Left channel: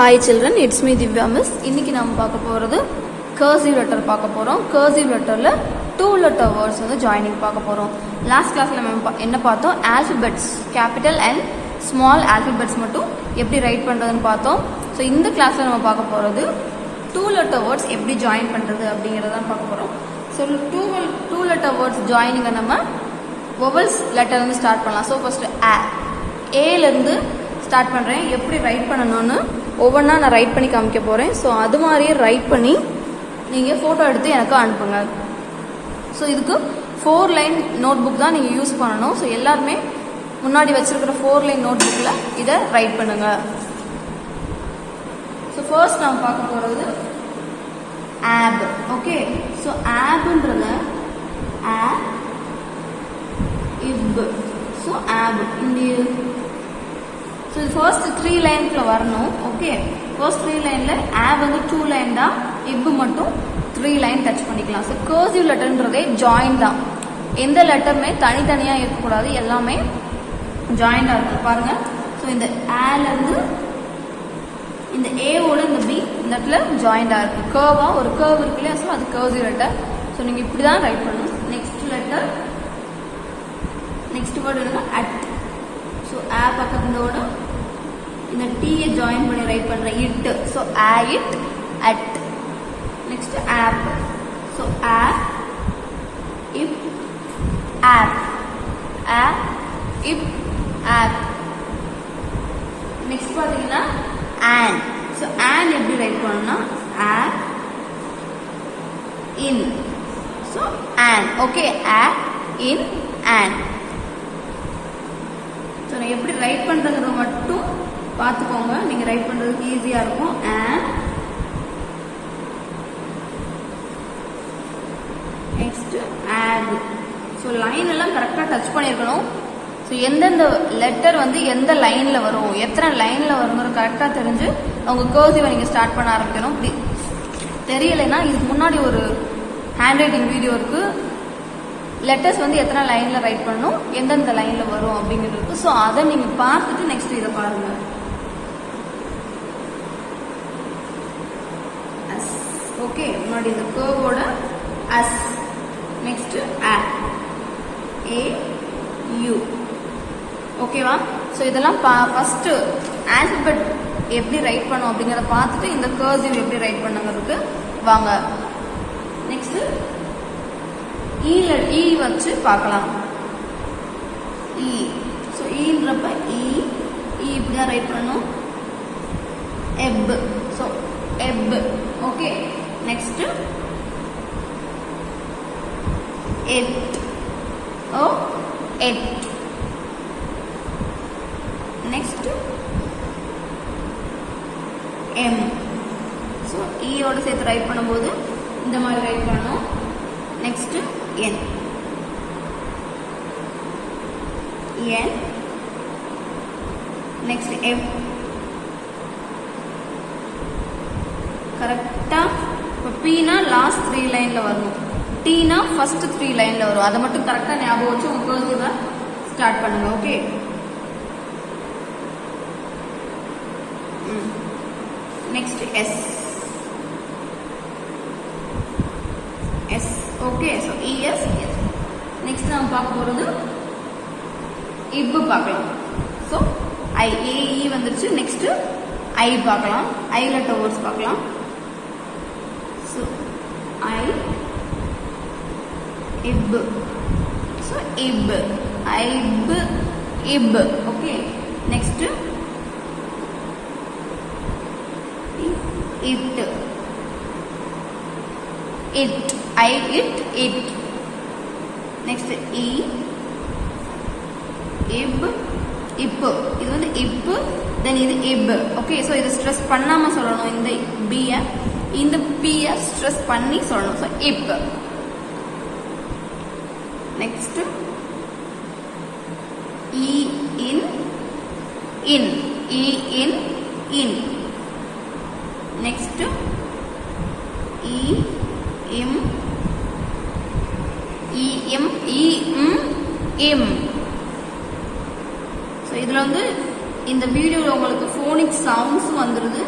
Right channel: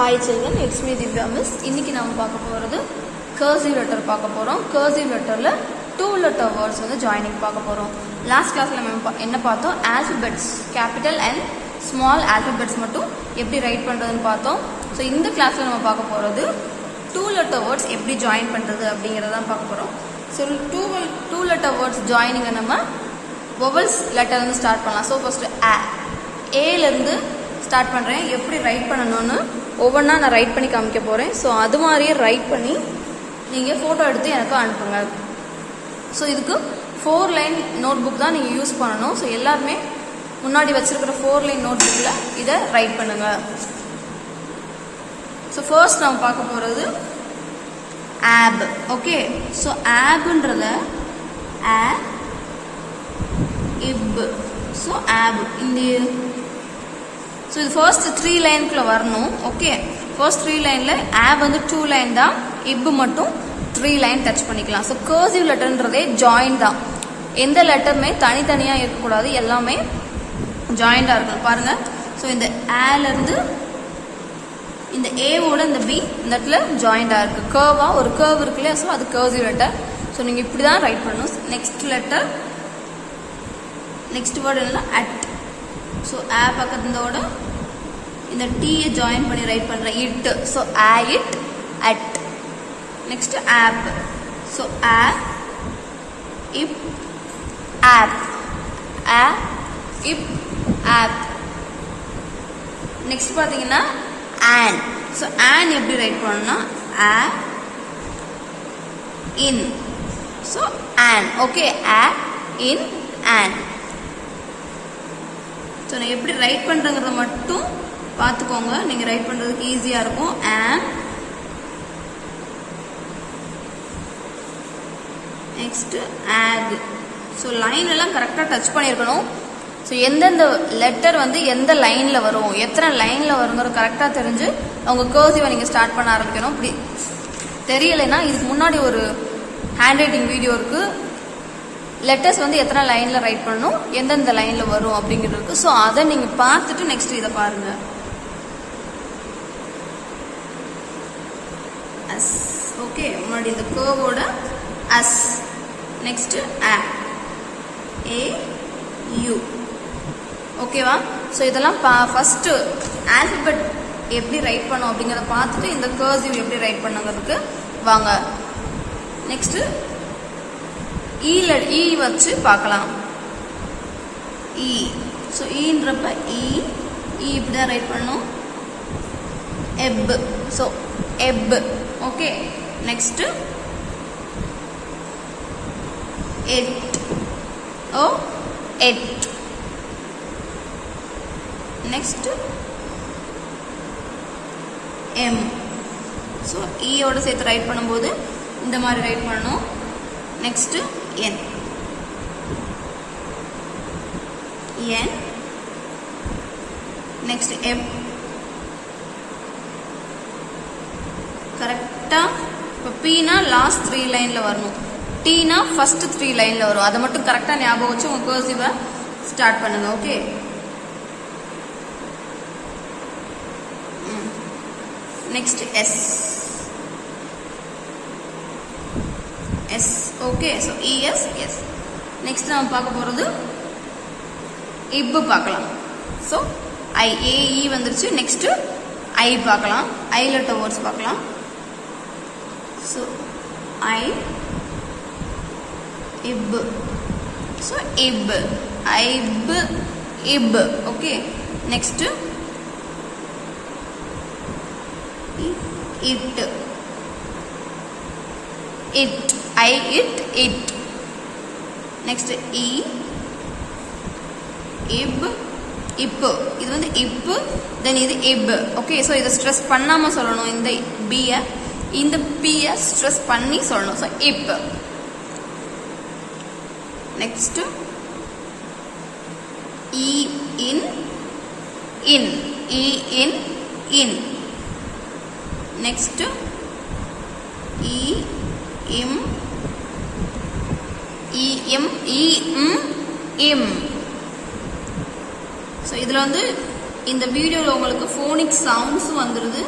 Hi children, it's me Divya Miss. இன்னைக்கு நாம பார்க்க போறது cursive letter பார்க்க போறோம். cursive letterல two letter words வந்து joining பார்க்க போறோம். Last classல நம்ம என்ன பார்த்தோம்? Alphabets, capital and small alphabets மட்டும் எப்படி ரைட் பண்றதுன்னு பார்த்தோம். ஸோ இந்த கிளாஸ்ல நம்ம பார்க்க போறது two letter words எப்படி ஜாயின் பண்றது அப்படிங்கறத தான் பார்க்க போறோம். So two letter words joining நம்ம vowels letter இருந்து ஸ்டார்ட் பண்ணலாம். ஸோ ஃபர்ஸ்ட் ஏல இருந்து ஸ்டார்ட் பண்றேன். எப்படி ரைட் பண்ணணும்னு ஒவ்வொன்றா நான் ரைட் பண்ணி காமிக்க போகிறேன். ஸோ அது மாதிரியே ரைட் பண்ணி நீங்கள் ஃபோட்டோ எடுத்து எனக்கு அனுப்புங்க. ஸோ இதுக்கு 4 லைன் நோட் புக் தான் நீங்கள் யூஸ் பண்ணணும். ஸோ எல்லாருமே முன்னாடி வச்சிருக்கிற 4 லைன் நோட் புக்கில் இதை ரைட் பண்ணுங்க. ஸோ ஃபர்ஸ்ட் நம்ம பார்க்க போகிறது ஆப். ஓகே, ஸோ ஆப்ன்றத இப். ஸோ ஆப் இந்த ஸோ இது ஃபர்ஸ்ட் 3 லைனுக்குள்ள வரணும். ஓகே, ஃபர்ஸ்ட் 3 லைனில் ஆப் வந்து 2 லைன் தான், இப்பு மட்டும் 3 லைன் டச் பண்ணிக்கலாம். ஸோ கர்சிவ் லெட்டர்ன்றதே ஜாயின் தான். எந்த லெட்டருமே தனித்தனியாக இருக்கக்கூடாது, எல்லாமே ஜாயிண்டாக இருக்கும். பாருங்கள், ஸோ இந்த ஏலேருந்து இந்த ஏவோட இந்த பி இந்த இடத்துல ஜாயிண்டாக இருக்குது. கர்வாக ஒரு கர்வ் இருக்கு இல்லையா, ஸோ அது கர்சிவ் லெட்டர். ஸோ நீங்கள் இப்படி தான் ரைட் பண்ணணும். நெக்ஸ்ட் லெட்டர், நெக்ஸ்ட் வேர்டு என்ன, அட். ஸோ ஆ பக்கத்தோட இந்த டீயை ஜாயின் பண்ணி ரைட் பண்ணுறேன், it. So ah it, at. Next of. So ah if, of. Ah if, of. Next பார்த்தீங்கன்னா ஆன். ஸோ ஆன் எப்படி ரைட் பண்ணணும்னா ah in. So on. Okay, ah in, on. So நான் எப்படி ரைட் பண்ணுறதுக்கு மட்டும் பார்த்துக்கோங்க, நீங்கள் ரைட் பண்ணுறதுக்கு ஈஸியாக இருக்கும். நெக்ஸ்ட் ஆக். ஸோ லைன் எல்லாம் கரெக்டாக டச் பண்ணியிருக்கணும். ஸோ எந்தெந்த லெட்டர் வந்து எந்த லைனில் வரும், எத்தனை லைனில் வருங்கிறது கரெக்டாக தெரிஞ்சு அவங்க கர்சிவை நீங்கள் ஸ்டார்ட் பண்ண ஆரம்பிக்கணும். இப்படி தெரியலைன்னா இதுக்கு முன்னாடி ஒரு ஹேண்ட் ரைட்டிங் வீடியோ இருக்குது, லெட்டர்ஸ் வந்து எத்தனை லைனில் ரைட் பண்ணணும், எந்தெந்த லைனில் வரும் அப்படிங்கிறது. ஸோ அதை நீங்கள் பார்த்துட்டு நெக்ஸ்ட் இதை பாருங்கள். அஸ். ஓகே, முன்னாடி இந்த கர்வோட us. Next ah, A, U. ஓகேவா? ஸோ இதெல்லாம் ஃபஸ்ட்டு ஆல்பபெட் எப்படி ரைட் பண்ணோம் அப்படிங்கிறத பார்த்துட்டு இந்த கர்சிவ் எப்படி ரைட் பண்ணுங்கிறதுக்கு வாங்க. நெக்ஸ்ட்டு இ வச்சு பார்க்கலாம். இ. ஸோ ஈன்றப்ப இ இப்படி தான் ரைட் பண்ணணும். F. So F. Okay, next ed. Oh ed. Next M. So ஈயோட சேர்த்து ரைட் பண்ணும்போது இந்த மாதிரி ரைட் பண்ணணும். Next N. N. Next M. கரெக்டா இப்போ பீனா லாஸ்ட் 3 லைன்ல வரணும், டீனா ஃபர்ஸ்ட் 3 லைன்ல வரும். அதை மட்டும் கரெக்டா ஞாபகம் வச்சு உங்க கர்சிவை ஸ்டார்ட் பண்ணுங்க. Okay, next S. S. Okay, so es, S. Next நம்ம பார்க்க போகிறது இப்பு பார்க்கலாம். ஸோ ஐ, ஏஇ வந்துருச்சு. நெக்ஸ்ட் ஐ பார்க்கலாம். ஐ லெட்டர் வேர்ட்ஸ் பார்க்கலாம். So I, if. So if, ஐப், if. Okay, next it. It, I it, it. Next இ, இப், இப்பு. இது வந்து இப்பு, தென் இது இப். ஓகே, ஸோ இதை ஸ்ட்ரெஸ் பண்ணாமல் சொல்லணும். இந்த பியை இந்த பியை ஸ்ட்ரெஸ் பண்ணி சொல்லணும். ஸோ இப். நெக்ஸ்ட் இ இன், இன். இ இன், இன். நெக்ஸ்ட் இ இம், இ எம், இ இம், இம். ஸோ இதில் வந்து இந்த வீடியோவில் உங்களுக்கு ஃபோனிக் சவுண்ட்ஸும் வந்துடுது,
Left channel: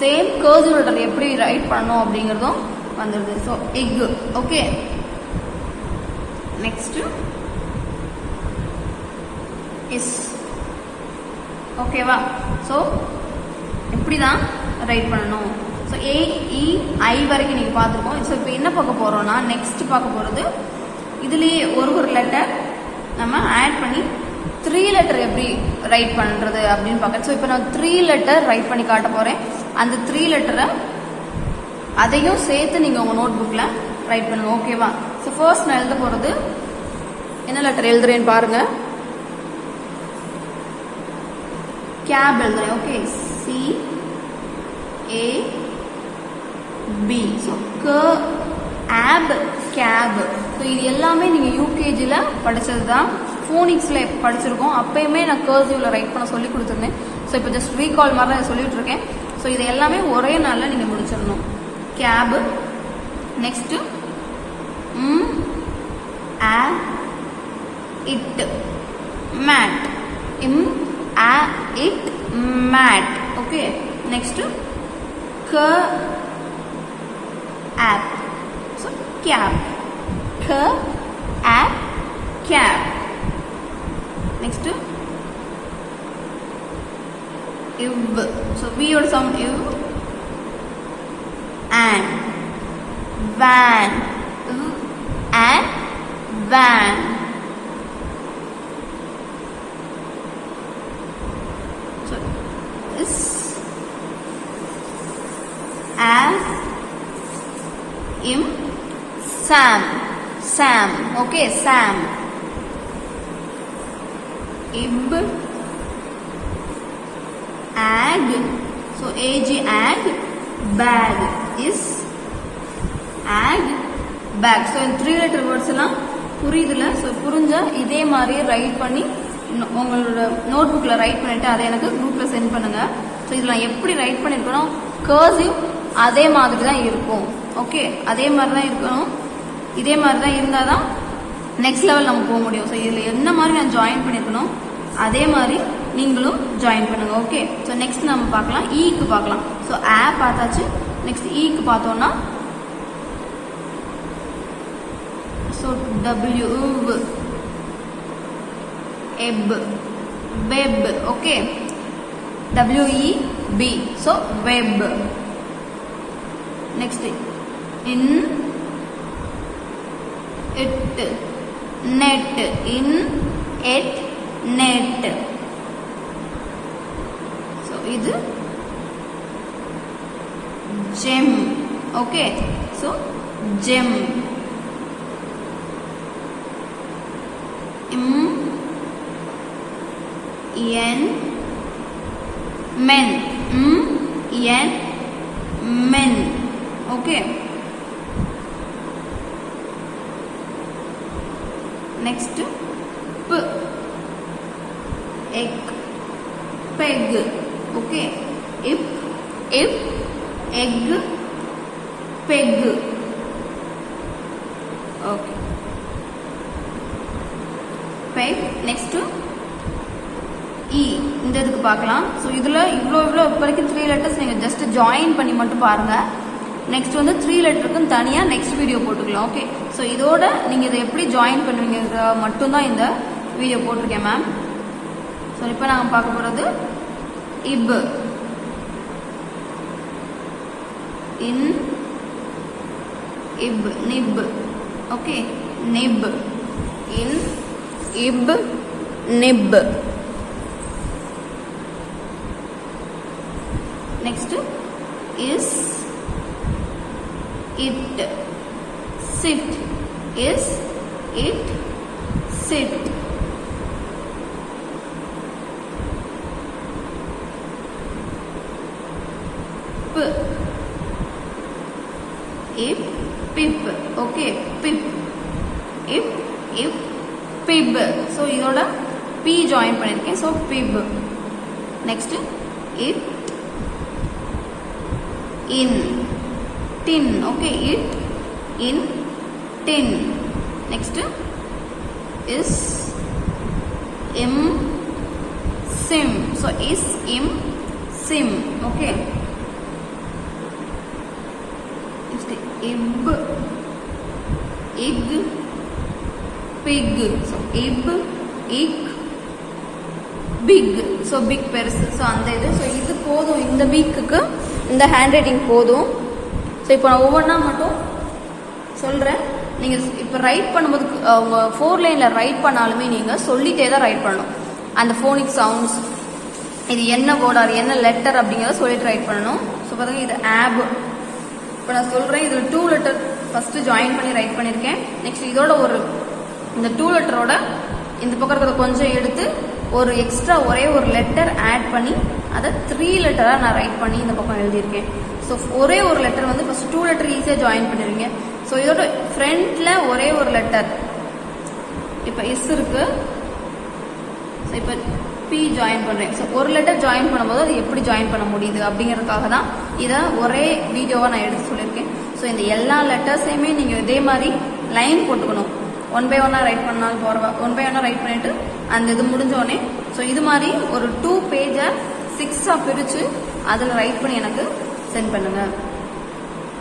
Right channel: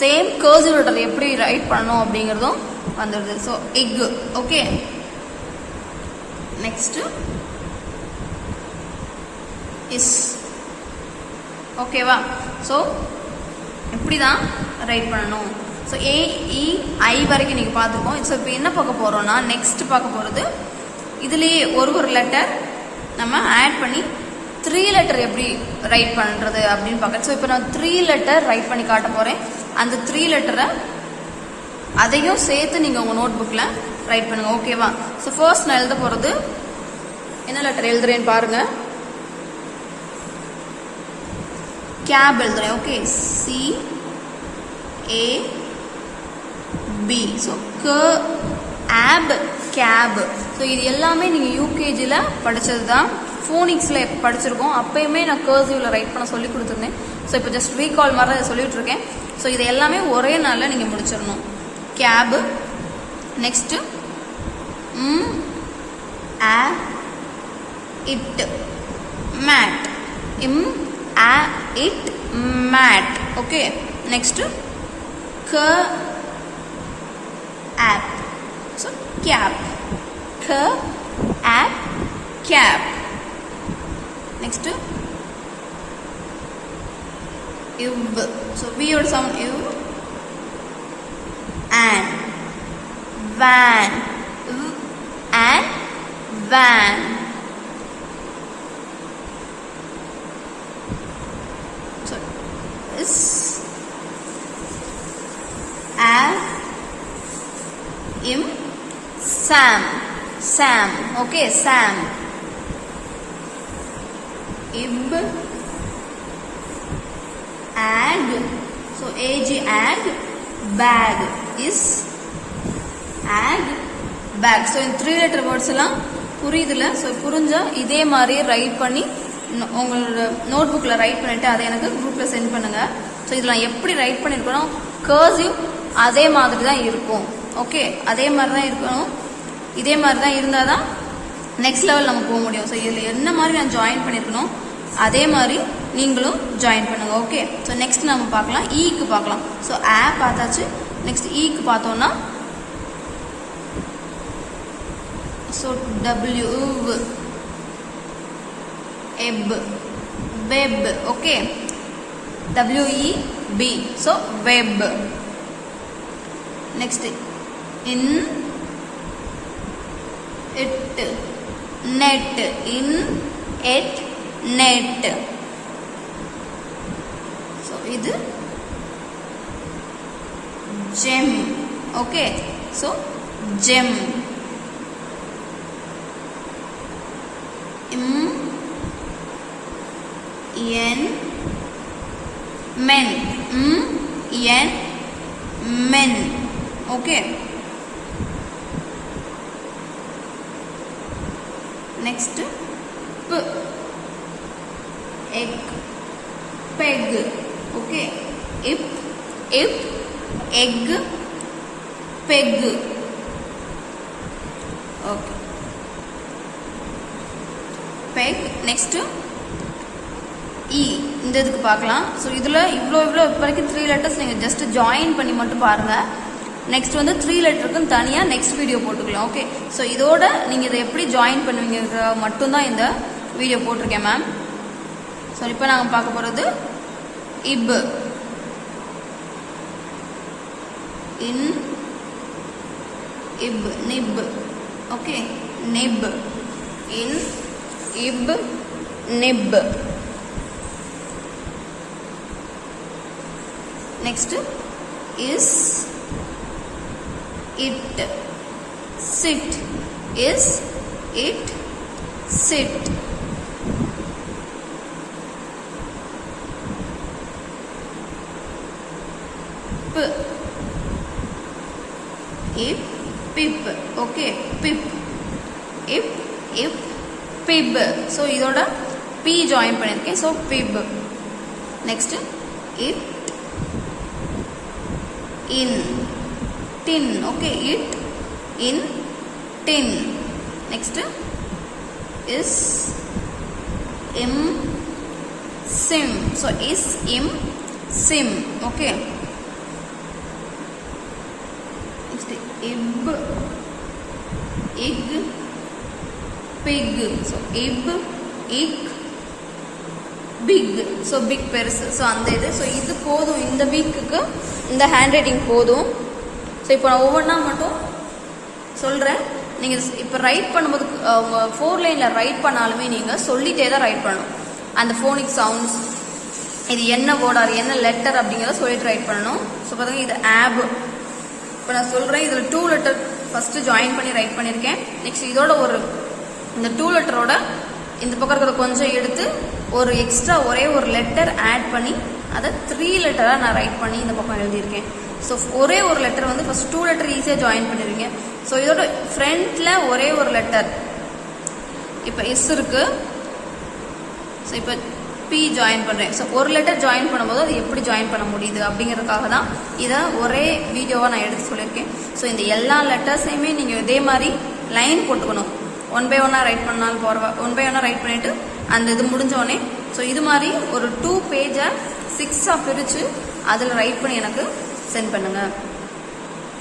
சேம் கர்சிவ் லெட்டர் எப்படி ரைட் பண்ணணும் அப்படிங்கிறதும் வந்துடுது. So egg. Okay, next is. ஓகேவா? ஸோ இப்படி தான் ரைட் பண்ணணும். ஸோ AEI வரைக்கும் நீங்கள் பார்த்துருக்கோம். ஸோ இப்போ என்ன பார்க்க போகிறோம்னா, நெக்ஸ்ட் பார்க்க போகிறது இதுலேயே ஒரு லெட்டர் நம்ம ஆட் பண்ணி 3 லெட்டர் எப்படி ரைட் பண்ணுறது அப்படின்னு பார்க்க. ஸோ இப்போ நான் 3 லெட்டர் ரைட் பண்ணி காட்ட போகிறேன். அந்த 3 லெட்டரை அதையும் சேர்த்து நீங்கள் உங்கள் நோட் புக்கில் ரைட் பண்ணுங்கள். ஓகேவா? ஸோ ஃபர்ஸ்ட் நான் எழுத போகிறது என்ன லெட்டர் எழுதுறேன்னு பாருங்கள். கேப் எழுதுறேன். Okay, CAB. So app, cab. So இது எல்லாமே நீங்கள் யூகேஜியில் படித்தது தான், ஃபோனிக்ஸில் படிச்சிருக்கோம். அப்பயுமே நான் கர்சிவில் ரைட் பண்ண சொல்லி கொடுத்துருந்தேன். ஸோ இப்போ ஜஸ்ட் ரீகால் மாதிரி தான் சொல்லிட்டு இருக்கேன். ஸோ இது எல்லாமே ஒரே நாளில் நீங்கள் முடிச்சிடணும். Cab, next it, mat, it, mat. Okay, next cap. So cap, cap, cap. Next iv. So we or some iv, and van, and van. Sam. Okay, Sam. Ib, ag. So ag, ag. Bag is ag, bag. So in 3 letter words எல்லாம் புரியுதுல? So புரிஞ்சா இதே மாதிரி right பண்ணி உங்களோட note புக்கில் right பண்ணிட்டு அதை எனக்கு குரூப்பில் சென்ட் பண்ணுங்க. ஸோ இதில் எப்படி ரைட் பண்ணியிருக்கணும், கர்சிவ் அதே மாதிரி தான் இருக்கும். ஓகே, அதே மாதிரி தான் இருக்கணும். இதே மாதிரி தான் இருந்தால் தான் நெக்ஸ்ட் லெவல் நம்ம போக முடியும். ஸோ இதில் என்ன மாதிரி நான் ஜாயின் பண்ணியிருக்கணும் அதே மாதிரி நீங்களும் ஜாயின் பண்ணுங்க. ஓகே, ஸோ நெக்ஸ்ட் நம்ம பார்க்கலாம், ஈக்கு பார்க்கலாம். ஸோ பார்த்தாச்சு. நெக்ஸ்ட் ஈக்கு பார்த்தோம்னா, ஸோ W, எப், web. Okay, WEB. So web. Next in, it, net, in, it, net. So இது gem. Okay, so gem. Men. Men. Okay. Next, egg, peg. Okay, if, egg, peg. Okay, peg. Next, E. இந்த இதுக்கு பார்க்கலாம். So இதில் இவ்வளோ வரைக்கும் 3 letters நீங்கள் just join பண்ணி மட்டும் பாருங்கள். நெக்ஸ்ட் வந்து 3 லெட்டருக்குன்னு தனியாக நெக்ஸ்ட் வீடியோ போட்டுக்கலாம். ஓகே, ஸோ இதோட நீங்கள் இதை எப்படி ஜாயின் பண்ணுவீங்க மட்டும்தான் இந்த வீடியோ போட்டிருக்கேன் மேம். ஸோ இப்போ நாங்கள் பார்க்க போகிறது இப், இன், இப், நிப். ஓகே, நிப், இன், இப், நிப். Next is it, sit, is it, sit. P, if, pip. Okay, pip, if, pib. So இதோட P join பண்ணிருக்கேன். So pib. Next, if, in, tin. Okay, it, in, tin. Next is sim. So is, sim. Okay, next ib, ig, pig. So ib, ig, big. So big பெருசு. So அந்த இது. So இது போதும், இந்த வீக்குக்கு இந்த hand writing போதும். So இப்போ நான் ஒவ்வொன்றா மட்டும் சொல்கிறேன். நீங்கள் இப்போ ரைட் பண்ணும்போது உங்கள் 4 லைனில் ரைட் பண்ணாலுமே நீங்கள் சொல்லிட்டே தான் ரைட் பண்ணணும். அந்த ஃபோனிக் சவுண்ட்ஸ், இது என்ன வேர்ட் ஆர் என்ன லெட்டர் அப்படிங்கிறத சொல்லிட்டு ரைட் பண்ணணும். ஸோ பாருங்க, இது ஆப். இப்போ நான் சொல்கிறேன், இதில் 2 லெட்டர் ஃபஸ்ட்டு ஜாயின் பண்ணி ரைட் பண்ணியிருக்கேன். நெக்ஸ்ட் இதோட இந்த 2 லெட்டரோட இந்த பக்கம் இருக்கிற கொஞ்சம் எடுத்து ஒரு எக்ஸ்ட்ரா ஒரே ஒரு லெட்டர் ஆட் பண்ணி அதை 3 லெட்டராக நான் ரைட் பண்ணி இந்த பக்கம் எழுதியிருக்கேன். ஸோ ஒரே ஒரு லெட்டர் வந்து ஃபஸ்ட் 2 லெட்டர் ஈஸியாக ஜாயின் பண்ணிடுவீங்க. ஸோ இதோட ஃப்ரண்ட்டில் ஒரே ஒரு லெட்டர், இப்போ இஸ் இருக்கு. ஸோ இப்போ பி ஜாயின் பண்ணுறேன். ஸோ ஒரு லெட்டர் ஜாயின் பண்ணும்போது அது எப்படி ஜாயின் பண்ண முடியுது அப்படிங்கிறதுக்காக தான் இதை ஒரே வீடியோவாக நான் எடுத்து சொல்லியிருக்கேன். ஸோ இந்த எல்லா லெட்டர்ஸையுமே நீங்கள் இதே மாதிரி லைன் போட்டுக்கணும். 1 by 1 ரைட் பண்ணாலும் போகிறவா 1 by 1 ரைட் பண்ணிவிட்டு அந்த இது முடிஞ்சோடனே ஸோ இது மாதிரி ஒரு 2 பேஜை 6ஆக பிரித்து அதில் ரைட் பண்ணி எனக்கு சென்ட் பண்ணுங்கள்.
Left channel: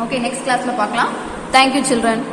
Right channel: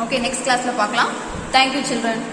ஓகே, நெக்ஸ்ட் கிளாஸில் பார்க்கலாம். Thank you children.